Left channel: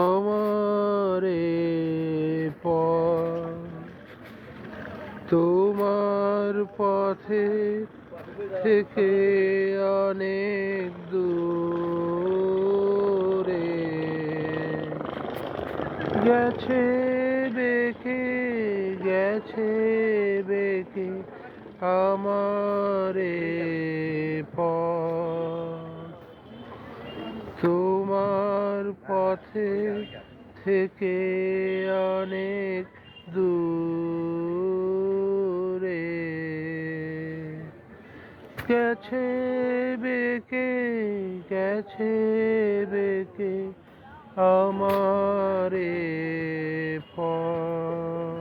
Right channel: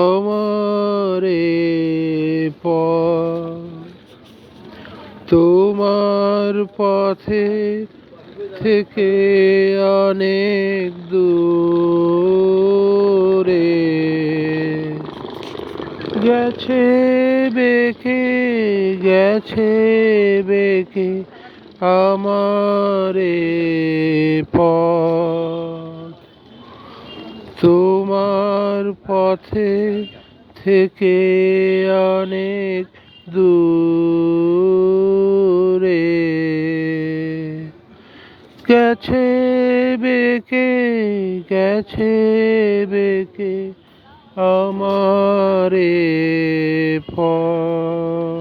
আমারে পথ তোমার পথে থেকে অনেক দূরে গেছে বেঁকে গেছে বেঁকে আমারে পথ তোমার পথে থেকে অনেক দূরে গেছে বেঁকে গেছে বেঁকে আমারে পথ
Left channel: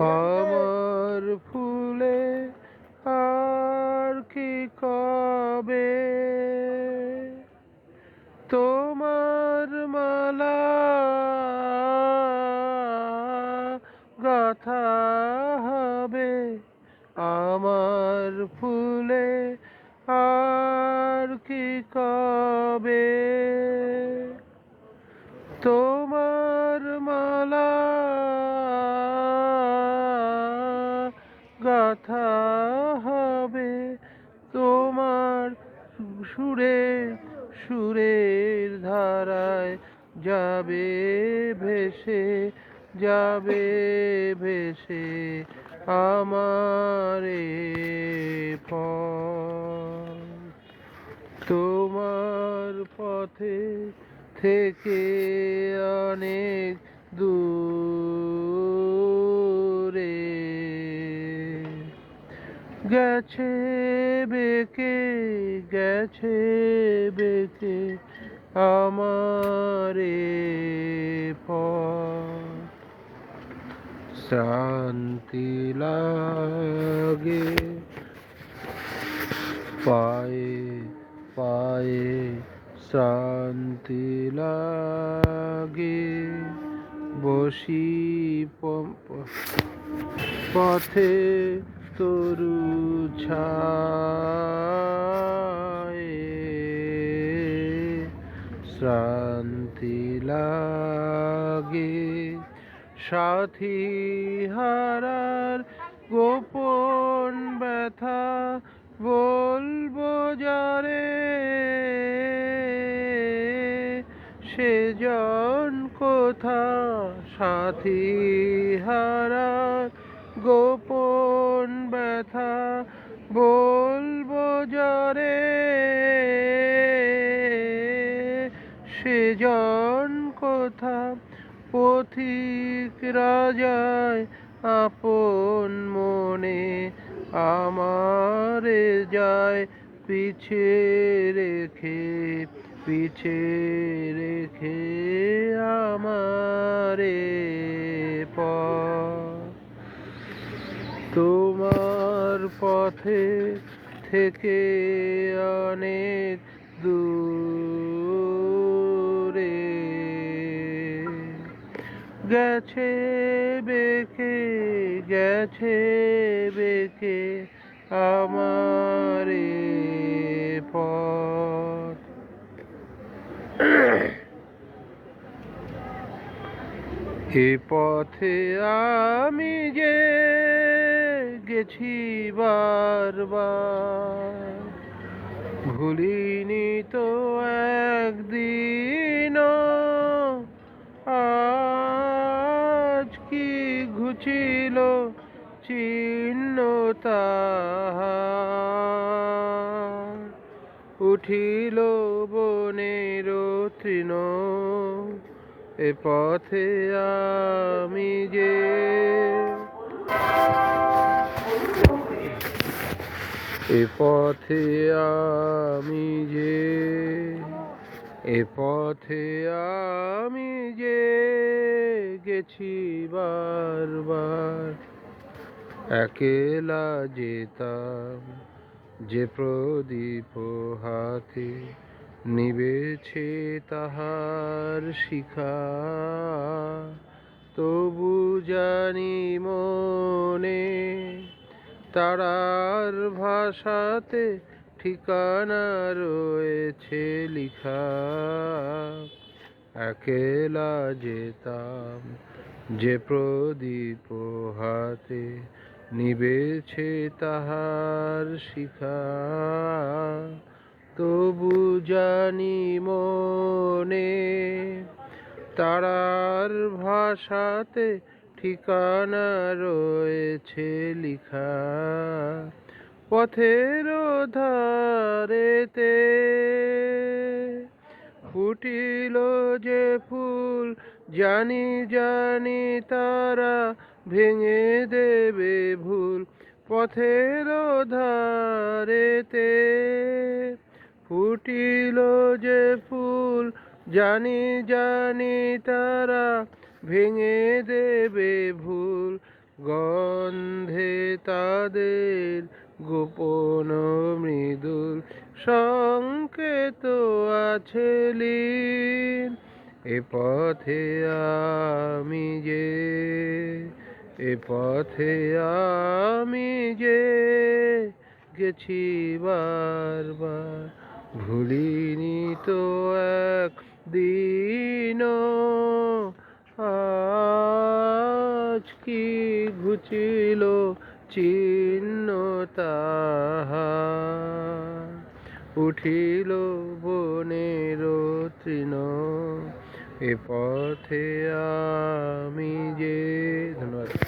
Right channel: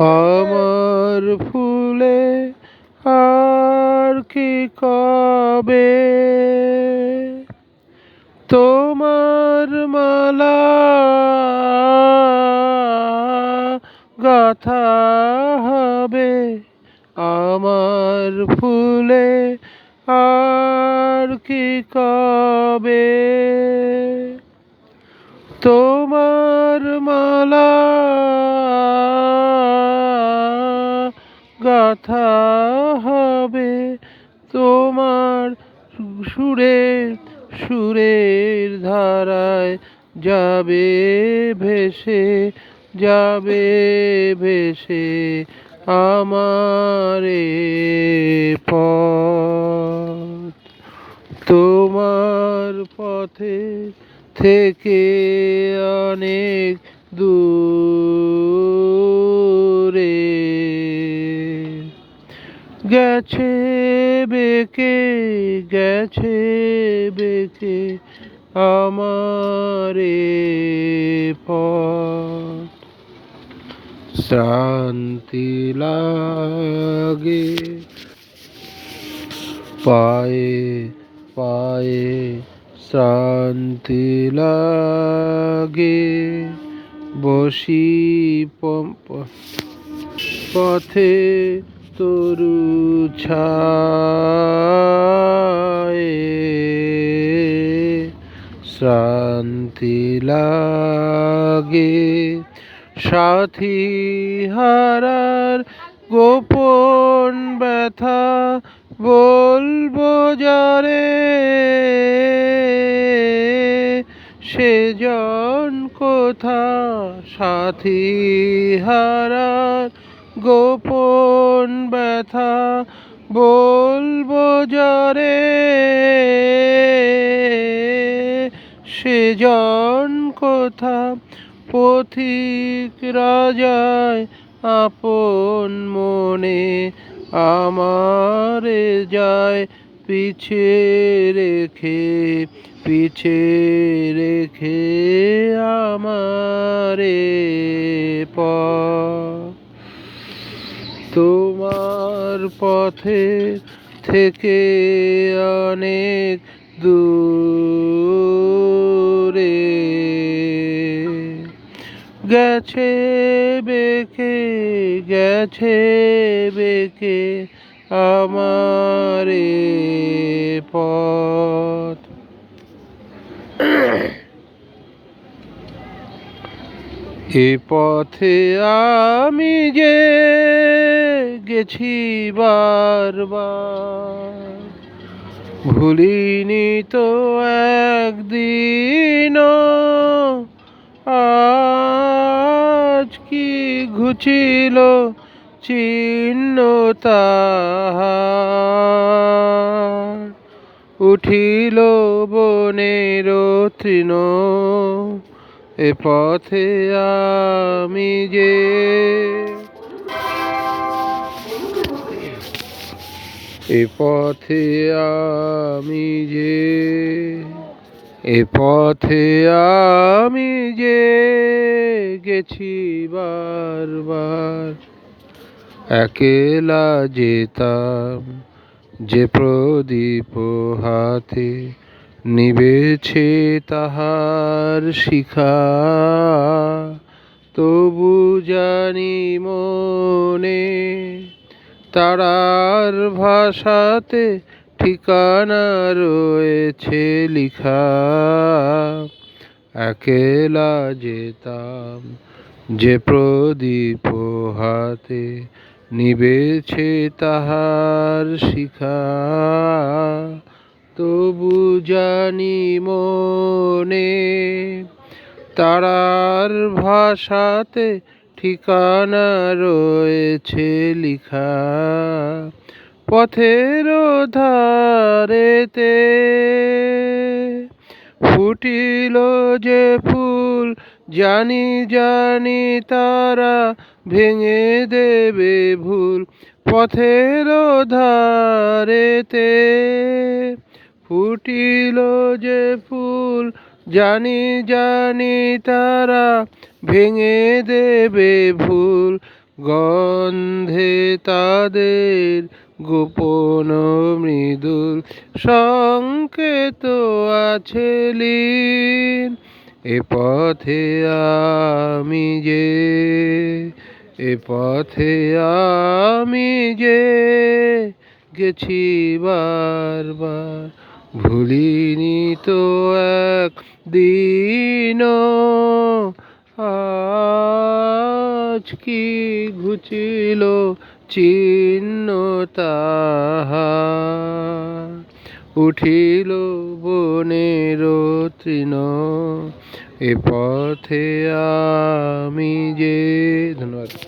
আমার ফুলে আর কি কবে তোমার মালা গাথা হবে আমার ফুলে আর কি কবে তোমার মালা গাথা হবে তোমার সুরে সুরের ধারায় যাবে ভেসে যাবে ভেসে আমারে পথ তোমার পথে থেকে অনেক দূরে গেছে বেঁকে গেছে বেঁকে আমারে পথ শান্তি লাগে পায়ে পায়ে শান্তি লাগে বসি পথে তরু ছায়ে শান্তি লাগে সাথী হারার গোপন ব্যথা বলবো যারে সেজন কোথা সাথী হারার গোপন ব্যথা বলবো যারে সেজন কোথা পথিক রাজায় আপন মনে আমারে যায় পিছে রেখে আমারে পথ তোমার পথে থেকে অনেক দূরে গেছে বেঁকে গেছে বেঁকে আমারে পথ এ পথে আমি যে গেছি বারবার ভুলিনি তো একদিন আজ কি ঘুচিল চিহ্ন তাহার উঠিল বনের তৃণ এ পথে আমি যে এ পথে আমি যে এ পথে আমি যে গেছি বারবার একেলা যেতাম যে প্রদীপ হাতে নিবেছে তাহার শিখা তবু জানি মনে তারার ভাষাতে ঠিকানা রয়েছে লিখা। একলা যেতাম যে প্রদীপ হাতে, নিবেছে তাহার শিখা। তবু জানি মনে তারার ভাষাতে ঠিকানা রয়েছে লিখা। পথের ধারেতে ফুটিল যে ফুল, জানি জানি তারা ভেঙে দেবে ভুল। পথের ধারেতে ফুটিল যে ফুল, জানি জানি তারা ভেঙে দেবে ভুল। গন্ধে তাদের গোপন মৃদুল সংকেত আছে লীন। এ পথে আমি যে, এ পথে আমি যে গেছি বারবার, ভুলিনি তো একদিন। আজ কি ঘুচিল চিহ্ন তাহার, উঠিল বনের তৃণ। এ পথে আমি যে, ধন্যবাদ।